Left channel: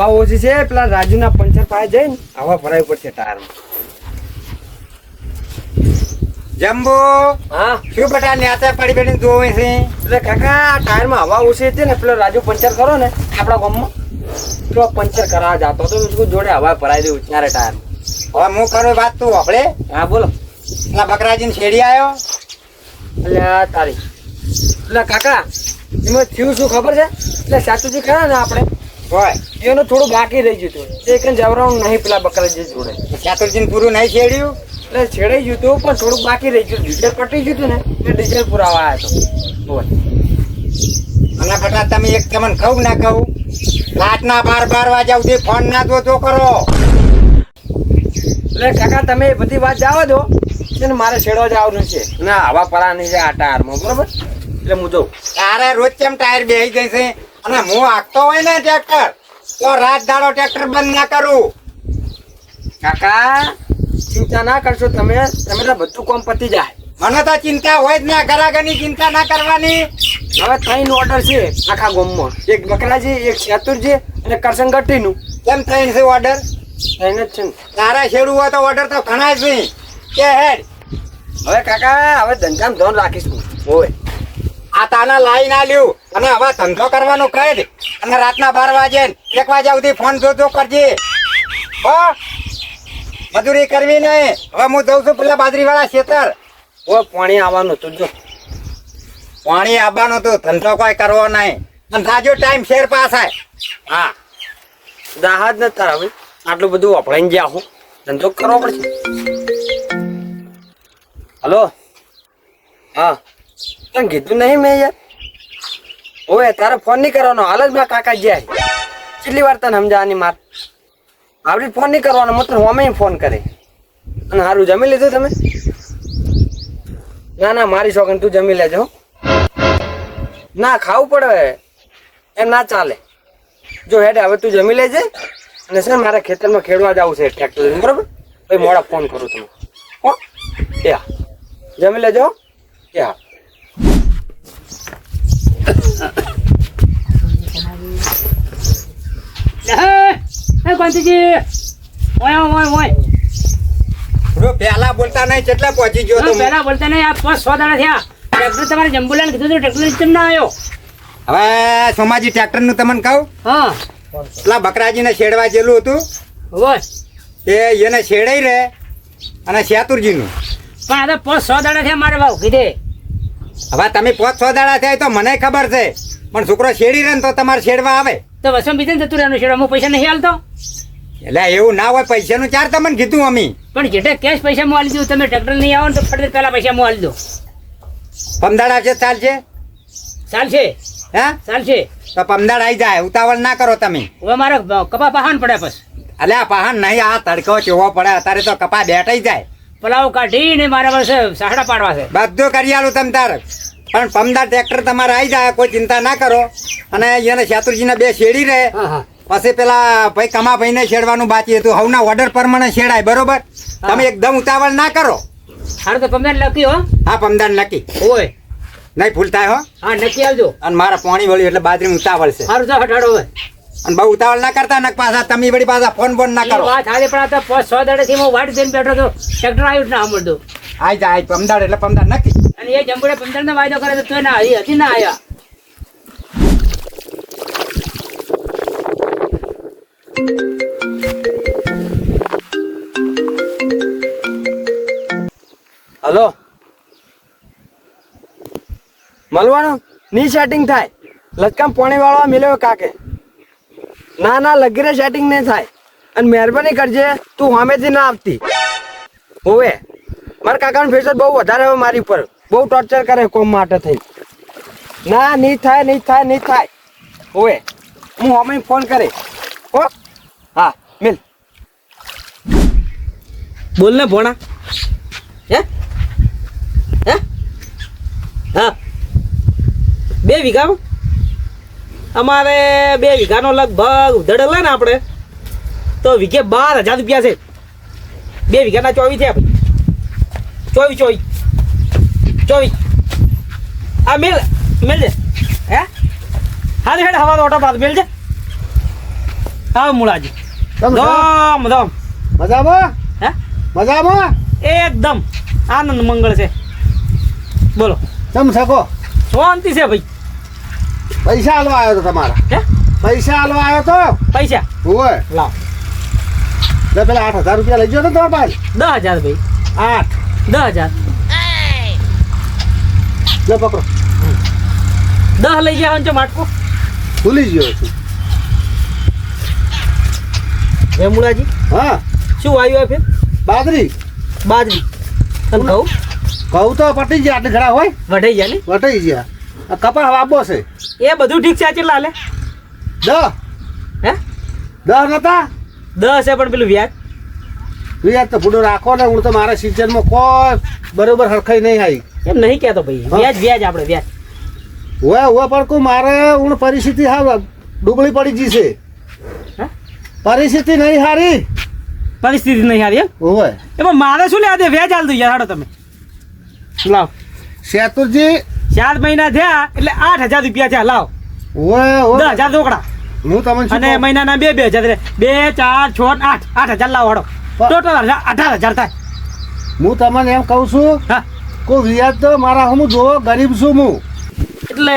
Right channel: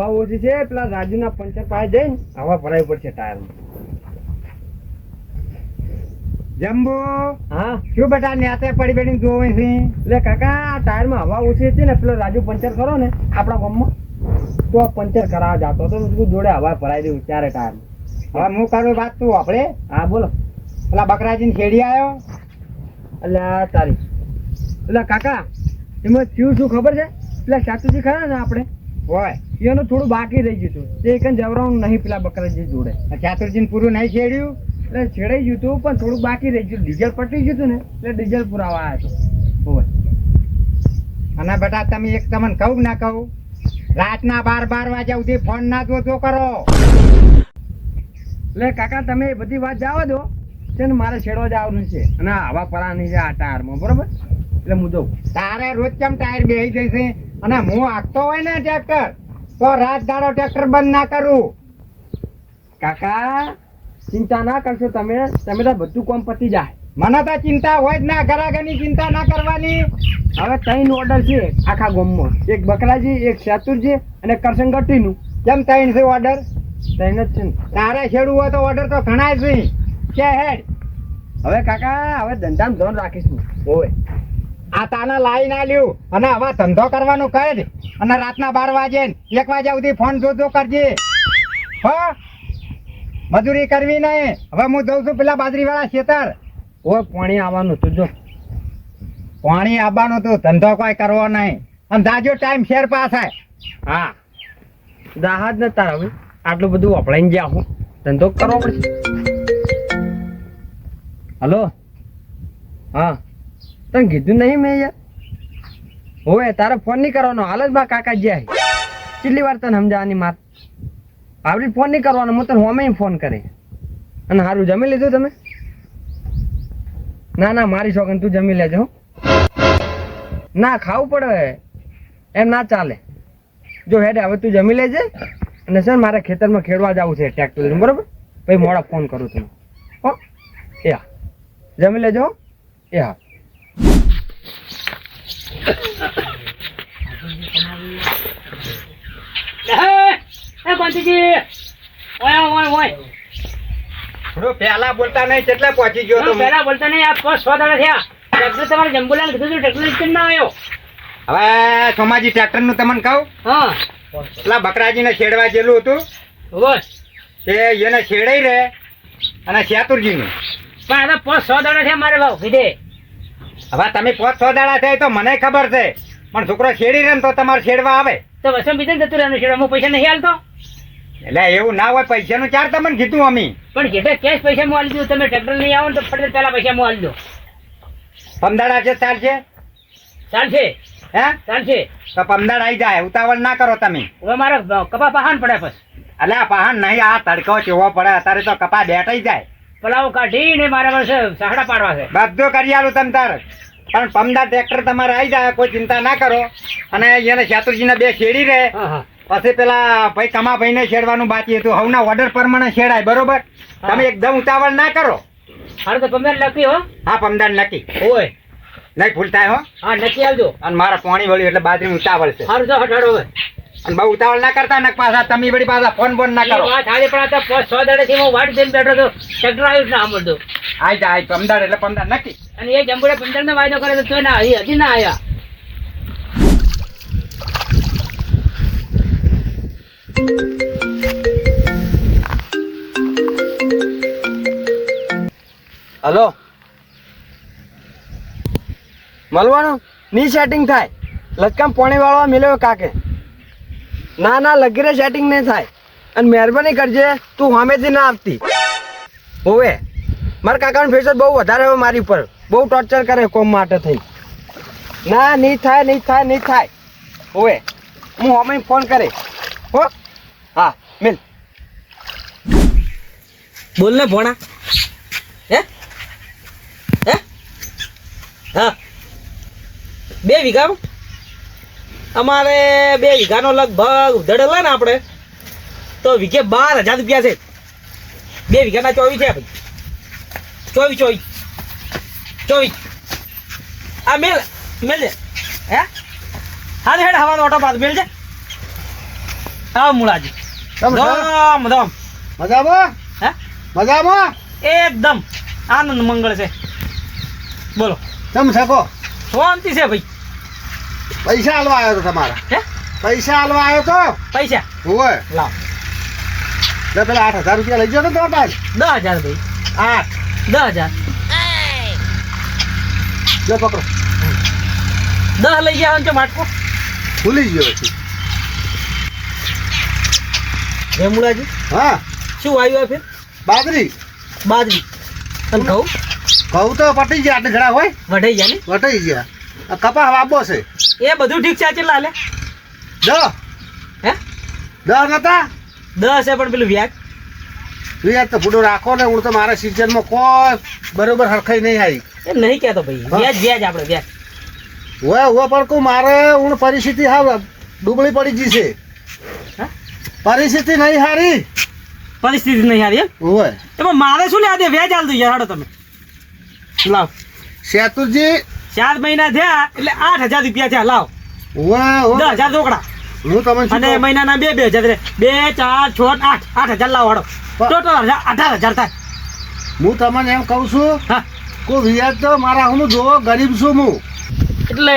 હવા ઓછી છે, પેલા રાજુના પંચર પાસે જઈને હવા ભરાવી પડશે ટાયરમાં. જમ્બો હા શું બેટા નેતા પડી બેઠી જોવે છે? એટલે કાકા ટાયરમાં હવા ઓછી હતી ને, પેલો રાજુ પંચર કરો ને આપણા ગામમાં, તો પંચર કરાવવા જતો તો જોડે હવા ભરાઈ દઉં ત્યારે ટાયરમાં. હવે હું કરું વાત તું આપણે. હા બોલો. પેલા બકરાજીને છેડી આવ્યો. એટલે તારી એટલે કાકા એમાં થયું શું ખબર છે? એટલે સાચુજી ખરા ને આપણે હોય એનું થોડું બાકી રહી ગયું હતું, એ કઈ જવરાનું નહીં પેલા બકરાજી જોડે. ચાતુરજીને પૂરું નહીં છેડ્યું. એટલે છેડાઈ ગયું હતું પણ થોડુંક બાકી રહી ગયું. ડીઝલ પટી ગયું હતું ને એટલે ડીઝલ પુરાવા આવ્યો હતો. અને બેટા તમે એક તમને કહું ના કહું, રાતના 12 વાગ્યા સુધી ફોન ના જોતો કરો. એટલે કાકા તમે એ બધી વાત જવા દો છે ને, મારે છેડવા જવાનું છે ને હવા પરાની છે આ ટાયરમાં, બરોબર? એટલે હું જઉં. તારે રોજ કેમ ટાયર બેસી જશે? અને હું હાંકતો હોય ને ટ્રેક્ટર તો રાત દાડો ટ્રેક્ટર બંધ ના કરું. કાકા ચિંતા ના કરશો તમે, તમે તો બધું કામ પતી જાય. મને તો ચિંતા હોય જ ના, ઘરાઘરની ચિંતા ના કરવાની. હવે 3 ઓર્ડર છે આખા ગામમાં, એક બકરાજી, એક ચાતુરજી અને કરસંગટીનું. કેમ થઈને છે ઓર્ડર? 3 જ છે ને. તારે છેડવું હોય તો ઓર્ડર તો ઘણા જ નહીં કે હેડ. હવે કાકા હવે ધંધામાં ધોન રાખીશું. હોય આ તાના લાઈ ના લ્યું અને હવે ધંધો કરવાનો કહે જ. અને રાતના 12 વાગે 1 વાગ્યા સુધી ફોન જોજો કરજે. હો મજૂરી કરવી નહીં. હવે હું જઉં છું પેલા બાજરીવાળા ખેતર. હોય પાણી આવવાનું હતું જો. પાણી આવવાનું તો ધંધો કોઈ કરવો નહીં. અને જાજો ટાઈમ શેર પાસ થાય. હા દાહત ને તાર હવે આટલું બધું વપરાઈને ગયા હું, ધંધો કરવો પડશે. હલો હા તને કીધું નહીં મેં યાર? હોય તારે ફોન નહીં કરવાનો, હાલ જ મારા કાકા જાય. કેટલી વાર તને સમજાવવાની માર? આવડી ફોન નહીં કરવાનો, હું તને હોમે ફોન કરે. અને સારું જમી લીધું તમે? ના ના મારી શોખન તું જમી લેજો. ના ખાવું પડે એમ ના ચાલે. જો હેડ હવે તું જમી લેજે, અને સર મારે ખેતરમાં ખેડવા જવું છે ટ્રેક્ટર, બરોબર? ભાઈ મોડા ફોન કરું તમે. હો એ હા જમી લેજો. એ હા પેલા બોલતા નહીં, કેટલા પહોંચી ગયો તો? પેલા બોલતા નહીં, આ 5-6 દાડા થયા. ટ્રેક્ટર તમારે જંબુલાલ કીધું તો ટ્રેક્ટર કેમ ના આવ્યો? હવે સોમાજી ટ્રેક્ટર નું તમને કહું, હા પેલા બકરાજીને છેડવા જેલું હતું બસ. તે એને છેડાઈ રહે. અને ચાતુરજીનું પણ આ તો 5-6 દાડા થયા મારે ભાવ કીધે. હવે તમે 5-6 દાડા થાય તો મને ખબર છે, પણ છોકરો છેડી રહે ને તો તમારે છેડવા આવે. તો વસમ બીજે જતું રહેવાનું છે, હું પૈસા નહીં હાલતો. એટલે એવું ના હોય, પૈસાનું ચાર તમને કીધું અમે. પણ જેટલા કેશ પૈસા હું હાલી દઉં, તમે ટ્રેક્ટર નહીં આવો ને તો ફટ પેલા પૈસા હું હાલી દઉં. પમદાડા છે ચાલશે? ચાલશે હે ચાલશે. તો પમદાડ આવી જાય, ઉતાવળ ના કરો તમે. હવે મારે કપા પહાણ પડે પછી. એટલે આ પહાણ નહીં, આ તડકો ચેવો પડે અત્યારે તો કપા બેઠાઈ જાય. પલાવ કાઢીને મારા પાસે સાહડા પાડવા છે. બધું કરી આલું તમ તાર. પણ પમદાર ટ્રેક્ટર તમારે આવી જાય, કોઈ ચિંતા ના કરો. અને એને ચાતુરજીને 2 છેડી રહે. હા હા પછી પેલા ભાઈ કમાભાઈને છેડવાનું બાકી હતું. હવના ઓર્ડર પ્રમાણે છેડાય, બરોબર? તમે એકદમ ઉતાવળ ના કરો. સારું તો પંદર લખી હો. હા પમદાર નક્કી ઓય નહીં ભૂલ થાય હો. હા નક્કી આવજો. અને મારા પાણી વળ્યું એટલે બાજરી ઉતાવળ છે. સારું તો હટાડો હવે. અને બહુ ઉતાવળ ના કરતા ને પાછા તમે વળી પાછા ફોન બોન ના કરો. વાત આજે પણ આ તો 5-6 દાડાથી હું વાટ જઈને બેઠો તો ટ્રેક્ટર આવ્યું જ ના સાંભળતું. આઈ જાય પમદાર એટલે પમદાર નક્કી. અને એ જંબુડે 15 ને વાયદો કરે તો તું ના હજી ના આવ્યા. હલો મળવાનું ની સેટિંગ થાય, લચકામ પાણી વાળવા મિલ્યો કાકે. ના ના લગીરે સેટિંગ નહીં થાય. અને મહેરબાની કરજે તું સામેથી ના આવતી. હોવે મારા કાકાનું ફેસર બહુ વધારે હવે મારી ઉપર, બહુ ટોર્ચર કરે કોમ માટે થઈ. ના નહીં થાય નહીં થાય નહીં થાય. હોવે હું સામે ફોન કરે. હો હા મિલ બોલ ને ભોણા. હે હે હા 2 વીઘામાં અમારે 2 વીઘાનો લગભગ ઉધડેલો ને આપણે તો વીઘે 12,000 રૂપિયા છે. 2 વીઘાના 24 થયા ભાઈ. 24 આ મેલ છે. હે હાલ હેડ હવાનો ઓટો પાસ મેલ છે. આવ મુળાજી તમે ધમ ધમ મજામાં હે મજામાં એકદમ આનંદ મંગળ છે બોલો તમે શકો શાંતિ છે ભાઈ પૈસા હાલવા આવ્યો તો તમારા હે પૈસા હાલવા આવ્યો તો પૈસા હોય લાવ એટલે પેલા 8,000 રૂપિયા લઈ ગયો ને તમારા પાસે 10,000 ભાઈ 8 10,000 લો પકડો 10 લઈ ગયા તો માટકો ભૂલી ગયો છું હે મુળાજી હા શું આવ્યું ફેર બાજરી બાજરી અને ઘઉં ઘઉં તો પટી ગયા આટલે ઘડા હોય વઢાઈ ગયા ને વટાઈ ગયા આ કપા વાબો છે એ બધું ઠીક છે આ કેટલા હાલે 10 હે 10 નતા 10 છે પણ પેલું વ્યાજ વ્યાજ તો પૂડો રાખો ને હું તો મારા સિઝનમાં કોઈ બરોબર હરખાઈ નહીં આવી એમ નહીં કહેતો ભાઈ વ્યાજ વ્યાજ આપણે વ્યાજ હોય પણ કોઈ મારે હું પરિસ્થિતિ હા ડૂબળી પડી ગઈ છે હા? પરિસ્થિતિ નહીં હારી પરિસ્થિતિ નહીં હારી એમ હોય એમાં મારે શું લે દે વ્યાજ હાલ દઉં યાર હાડો તમે લાવ શેતુરજી 4 મહિના થયા એટલે 8,000 રૂપિયા થયા લાવ હોય 10,000 રોકડા હું તમને શું અને કહું? મહિનાના 2,000 2, 4, 6, 8 8,000 લાવો હાડો ટોટલ 18,000 થાય હું તમને એમ કહું છું હા કોઈ વ્યાજ તો મારા હું જોવો ગરીબ છું હું એટલે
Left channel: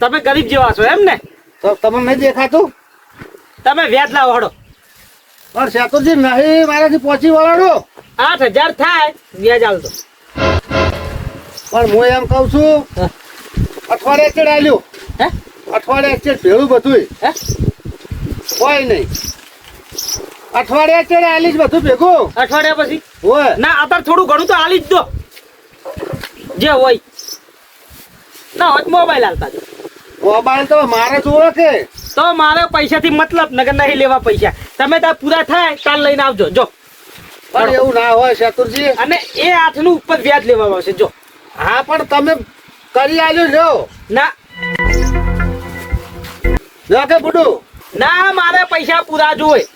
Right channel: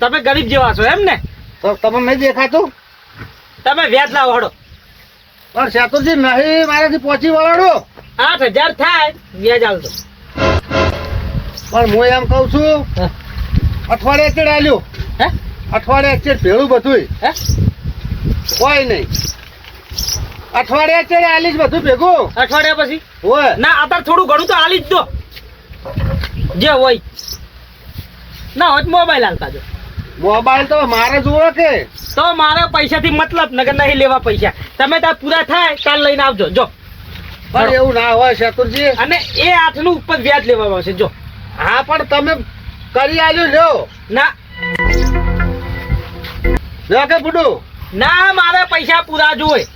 તમે ગરીબ જેવા છો એમ ને તો તમને નહીં દેખાતું તમે વ્યાજ લાવો હાડો પણ શેતુરજી નહીં મારાથી પહોંચી વળાડો 8,000 થાય વ્યાજ હાલતો પણ હું એમ કહું છું હા. અઠવાડિયે ચેડ આલ્યું હે અઠવાડિયે ચેડ ભેળું બધુંય હે કોઈ નહીં અઠવાડિયે ચેડ આલીશ બધું ભેગું અઠવાડિયા પછી હોય ના અત્યારે થોડું ઘણું તો હાલી જ દો જે હોય ના હોય મોબાઈલ હાલતા જો મોબાઈલ તો મારે જોવો કે તો મારે પૈસાથી મતલબ નગર નહીં લેવા પૈસા તમે ત્યાં પૂરા થાય કાલ લઈને આવજો જો પણ એવું ના હોય શેતુરજી અને એ 8 નું ઉપર વ્યાજ લેવામાં આવશે જો હા પણ તમે કરી આલ્યું જો ના જો કે બુડું ના મારે પૈસા પૂરા જોઈએ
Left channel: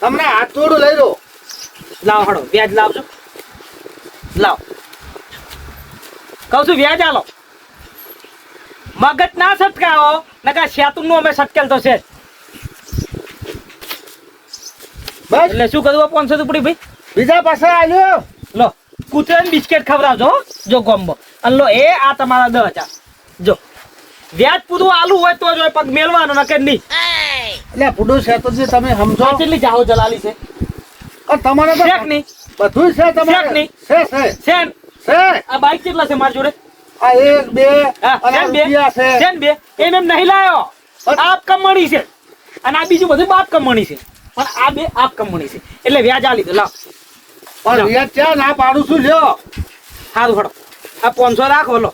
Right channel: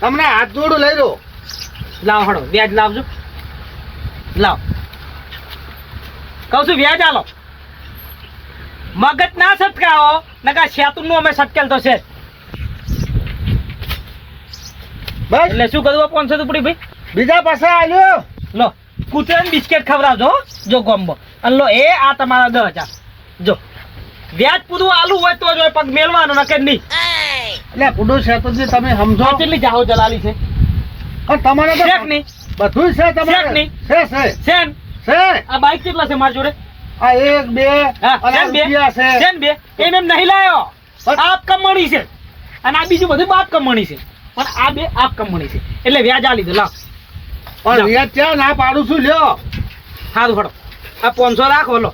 તમને હાથ જોડું લઈ લો લાવ હડો વ્યાજ લાવજો લાવ કહું છું વ્યાજ આલો મગજ ના સટકાવો નકા શેતુન નું અમે સટકેલ તો છે જ. બસ એટલે શું કરવું 500 રૂપિયા ભાઈ બીજા પાસે આલ્યો લો કૂતરાને બિસ્કેટ ખવડાવજો હો, જો ગોમ્બો અને લો એ આ તમારા 10,000 જો વ્યાજ પૂરું આલુ હોય તો જ હોય, પગ મેલવાનો નકે નહીં એટલે બુડું શેતુરજી તમે સમજો આ કેટલી જાહો જલાલી છે પણ તમારે તો શેક નહીં બધું છે શેક તમારે નહીં. છે સેન છે આ બાઈક કેટલા છે મારી જોડે આ 1 2 હા અને સેન બે રૂપિયા છે સેન બે એને નહીં લાયો આપ કમણી છે અને આ બીજું બધું બાપ કમણી છે પણ આ બે આપ કમણી છે એટલે વ્યાજ આ લીધું લાવ પણ વ્યાજ ક્યાં ના પાડું છું લ્યો સારું હડો આ 500 રાખો લો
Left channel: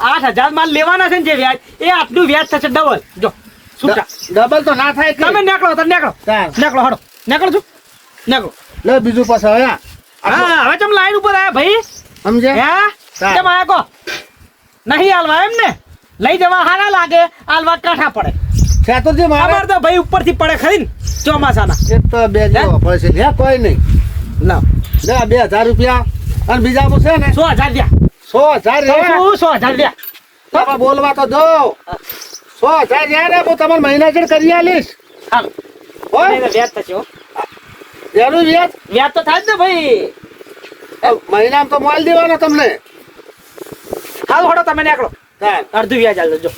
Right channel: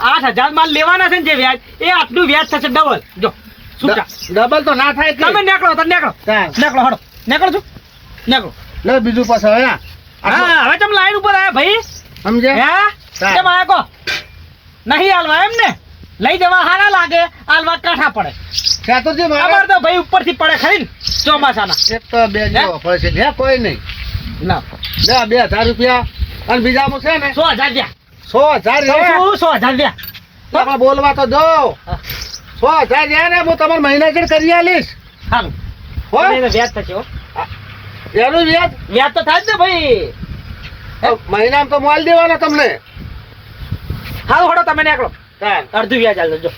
8,000 માલ લેવાના છે ને જે વ્યાજ એ આટલું વ્યાજ થશે ડબલ જો છૂટા ડબલ તો ના થાય કે તમે નીકળો તો નીકળો ચાલ. નીકળો હડો નીકળો છું નીકળો લે બીજું પાસે હવે હા હવે તમે લાઈન ઉપર આયા ભાઈ સમજે હા ચાલ. કેમ આયા કો નહીં હાલવા એમ ને લઈ જવા હારા લાગે હાલવા કાઠા પડે શેતુરજી મારે અમારે તો ભાઈ ઉપરથી પડે ખરી ને ચોમાસાના એક તો બે જેવો પૈસે લે કોઈ નહીં ના લે 2,000 રૂપિયા અને બીજામાં છે ને 100,000 લ્યા 100,000 લે 100,000 લ્યા આપણે બોલવા તો જો 100,000 યાર હું તમારે મહિના ચેડ કરી આલીશ હાલો હો એને વ્યાજ થશે હો એનું વ્યાજ વ્યાજ તો થાય જ ને ભાઈ મહિનામાં તો માલ દેવાનો તમને હાલો હડો તમે નીકળો ચાલ અડધું વ્યાજ હાલ જો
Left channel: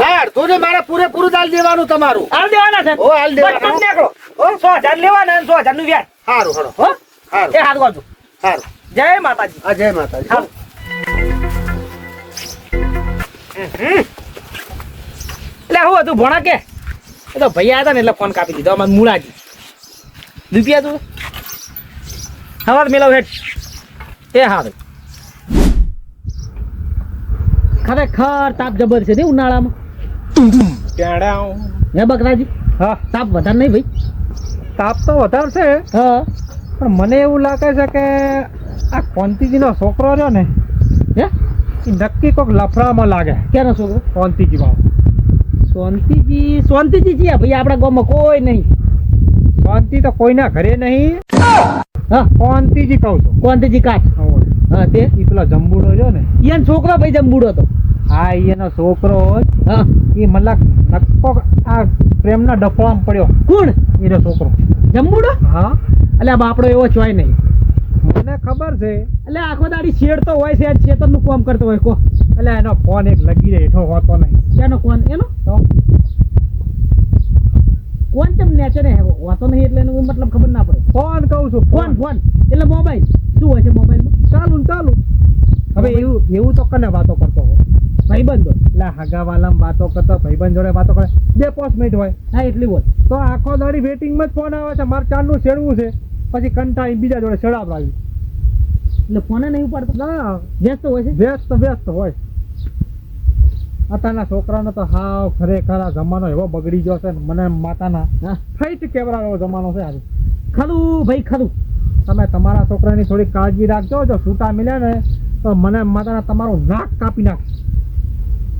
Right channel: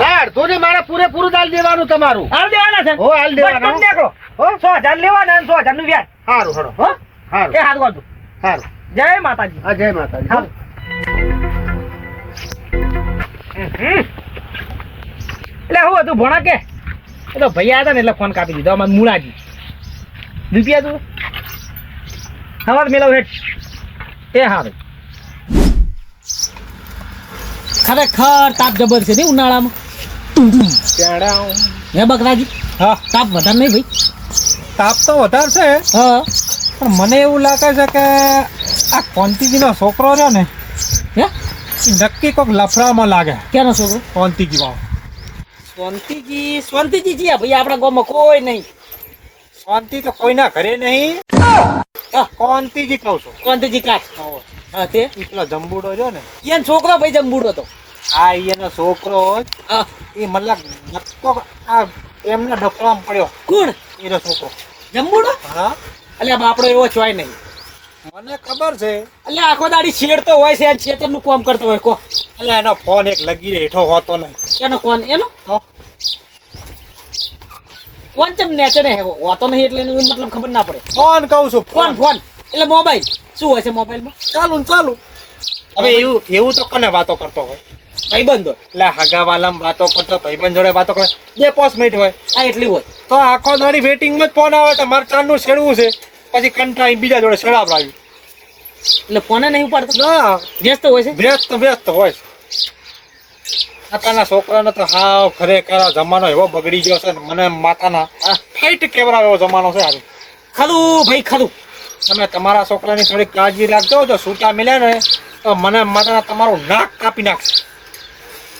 યાર તો ને મારે પૂરેપૂરું ચાલ દેવાનું તમારું હાલ દેવાના છે હો, હાલ દેવાના. બસ તમે નીકળો હો 100,000 લેવાના અને 100,000 નું વ્યાજ સારું હળો હો સારું એ હાથ બાજુ સારું જય માતાજી હા જય માતાજી હાલો એટલે હું હતું ભોણા કે એ તો ભાઈ આવ્યા હતા ને એટલે ફોન કાપી દીધો અમારે મુળાજી રૂપિયા તું સવાર મેળવ હેઠ એ હા ખરેખર તાપ જબર છે ને ઉનાળામાં હે બકરાજી હા તાપ વધારે નહીં ભાઈ તાપ તો વધારે છે હા પણ મને એવું લાગે છે કે આ કોંતીજીનો છોકરો રહ્યો ને હે એ નક્કી કોઈક લફડામાં લાગે ક્યાંનો છોકરો કોંતીજીમાં શાંતિજી જી ભાઈ આપણા ગામમાં કોઈ નહીં શાંતિ તો કોઈના ઘરે નહીં હા કોંતીજી કહું છું શાંતિજી કાઢ હા તે એ પેલો જંબુડો રહ્યો ને ઈયન છોકરો ભાઈ જમબુડો હતો આ એનો છોકરો હોય હા એ મતલબ નક્કો આ પ્રેમના ડફડામાં પડ્યો કોણ હીરો છોકરો. જંબુડો હા એટલે બાપડો એવો ચોય નહીં મને ખબર છે. એટલે આખો દાડી છેડતો હોય છે છેતરનું કામ કરતો હોય કો એટલે એનો ફોન એક લગી હેઠો હોતો નહીં. એનો કોણ એનો તો કોણ ચમ નેચે ને હોતો નહીં એટલે એનું મતલબ ખબર ના પડે ફોન કહું છું ફોન ફોન એટલે મોબાઈલ શું હોય છે મોબાઈલમાં ચાલુ ને ચાલુ. હવે એવું તો કને વાતો કરતો હોય. ભાઈબંધો એટલે હગાવાલામ વાતો કરતો ભાઈબંધ જોડે વાતો કરે 2-5 મિનિટ હોય હા એટલી હોય તો આખો દાડી વેટિંગમાં જ ફોન આવે તો મારે ચાંદનું છેડવું છે પછી કંટાળી બીજા જોડે છેડાવડાવ્યું. એટલે ફોને નહીં ઉપાડતો ના વ્યસ્ત હોય છે વ્યસ્ત હોય છે. અત્યારના છોકરાને તો હાવ ખરેખર આ જમાનો એવો બગડી ગયો છે ને મને માતાના હા ફાઈટ કેવરાવ એવો જમાનો છે આજે. ખરું ભાઈ ખરું તમે તમારા છોકરાની થોડી કાળજી રાખજો. જો છૂટા મળ્યા ને તો મને માતાના તમારું નાક કાપી નાખશે.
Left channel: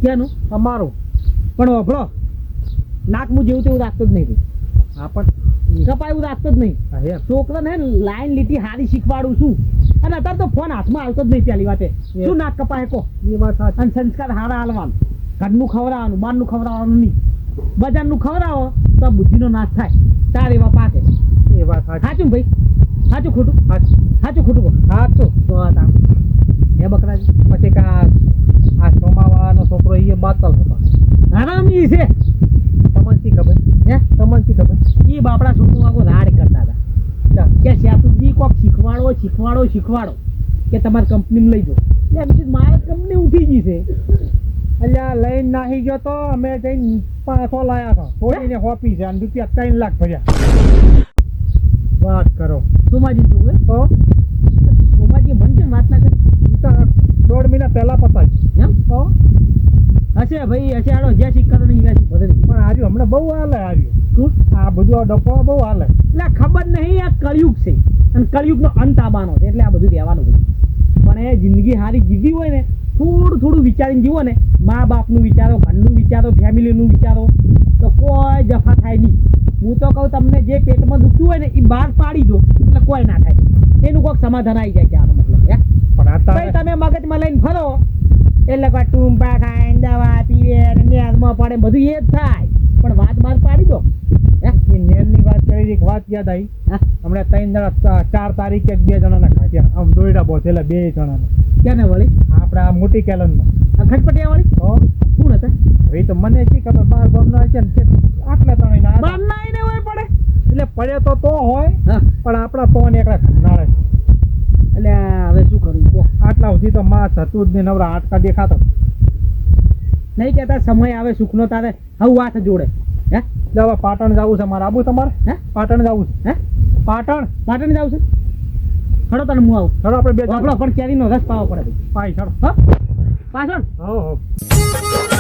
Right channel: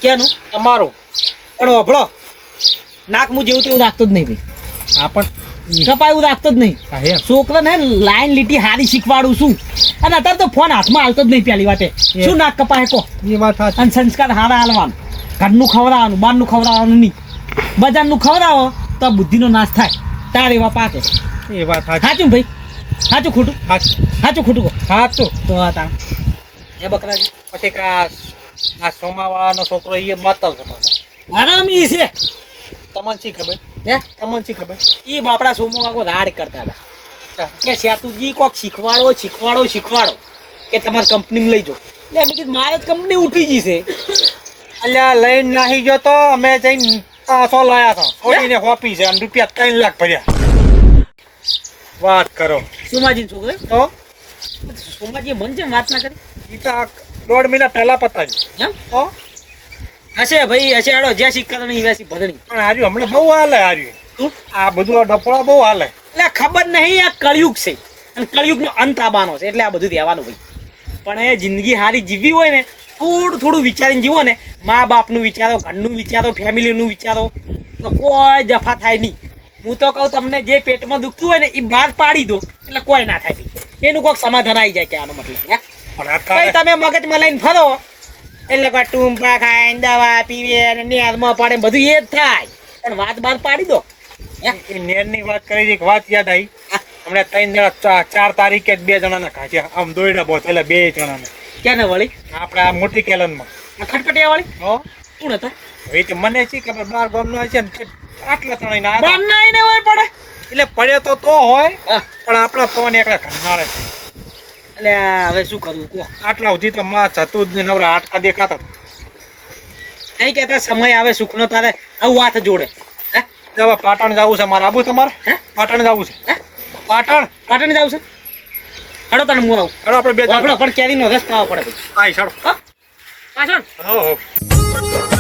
ક્યાંનું તમારું પણ ઓભળો નાક હું જેવું તેવું રાખતો જ નહીં ભાઈ આ પણ કપાય એવું રાખતો જ નહીં હા એમ છોકરાને લાઈન લીટી હારી શીખવાડું છું અને અત્યારે તો ફોન હાથમાં હાલતો જ નહીં પહેલી વાતે શું નાક કપાય કો એ વાત સાચી. અને સંસ્કાર હારા હાલવાનું ઘરનું ખવડાવવાનું બહારનું ખવડાવવાનું નહીં બજારનું ખવડાવો તો બુદ્ધિનો નાશ થાય તાર એવા પાકે એ વાત સાચી. સાચું ભાઈ સાચું ખોટું સાચું ખોટું કહો સાચું. તો આ તાર એ બકરાજી પછી કે આ સોમાવાળાનો છોકરો એ માતલ હતો. હરામી છે તમને શી ખબર? હે તમને શી ખબર? એ બાપડા સોમો વાગો રાડ કરતા હતા કે સેતુજી કોક શીખવાડો કે તમારી કંપનીમાં લઈ જાઓ એટલે મેં કીધું મારે જ કંપની ઉઠી ગઈ છે અલ્યા લઈને નાહી ગયો તો અમે જઈને 500 લાયા હતા છોડીને હોપી છે અને રૂપિયા 3 લાખ ભર્યા. વાત કરો સોમાજી છોકરે તો સોમાજી મન છે વાત ના કરે એ તો આ 1.5 મહિના પહેલા પતાવી એમ તો હશે ભાઈ હશે આડો જ્યાં શીખતા નહીં વેસી ભરણી પણ હાર્યું હમણાં બહુ હાલે હાર્યું. તું આ બધું આ ડફળા બહુ હાલે. એટલે ખબર નહીં આ કળિયુગ છે અને કળિયુગનો અંત આવવાનો છે એટલે આ બધું રહેવાનું ભાઈ પણ એ જિંદગી સારી જીવવી હોય ને થોડું વિચારીને જીવો ને મા બાપનું વિચારો ઘરનું વિચારો ફેમિલીનું વિચારો તો કોઈ જફા થાય નહીં. હું તો કહું તમને જે પેટમાં દુખતું હોય ને એ બહાર પાડી દો એટલે કોઈ ના થાય એનું કોઈક સમાધાન આવી જાય કે આનો મતલબ હે પણ ભાઈ અત્યારે તમે મગજમાં લઈને ફરો એટલે કોઈ ટૂંપા ખાય દવા પીવે અને નેરમાં પડે બધું એ જ થાય પણ વાત બહાર પાડી દો એ નેરની વાત કરી એક વાત યાદ આવી. હા હમણાં 3 જણા 4 તારીખે 2 જણાને ખાધ્યા આમ દોયડા બોથેલા 2 જણાને ક્યાં ને વળી આપણે આ મોટી કેલનમાં. આ ખટપટિયા વાળી હો કોણ હતા એ તો મને શી ખબર બાર ગામનો છે ને આટલા ત્રણેય ના હતા. બારના એને હોય પડે એટલે પડ્યો તો હોય હા પણ આપણા તો ને એકલા ઘરનાળે એટલે હવે શું કરવું કહો આટલા સુધી તો માં જતું જ ને નવરા આટકા દેખાતા નહીં કહેતા સમય આવે સુખનો તારે હવે વાત જોડે હે હવે પાટણ જવું છે મારે આબુ તમારે હે પાટણ જવું છે હે પાટણ પાટણ જાવ છે હડો તને હું આવું હવે આપણે 2 જણા આપણો પણ કેરીનો રસ પાવો પડે ભાઈ હા ઈશાળો હા પાછળ હો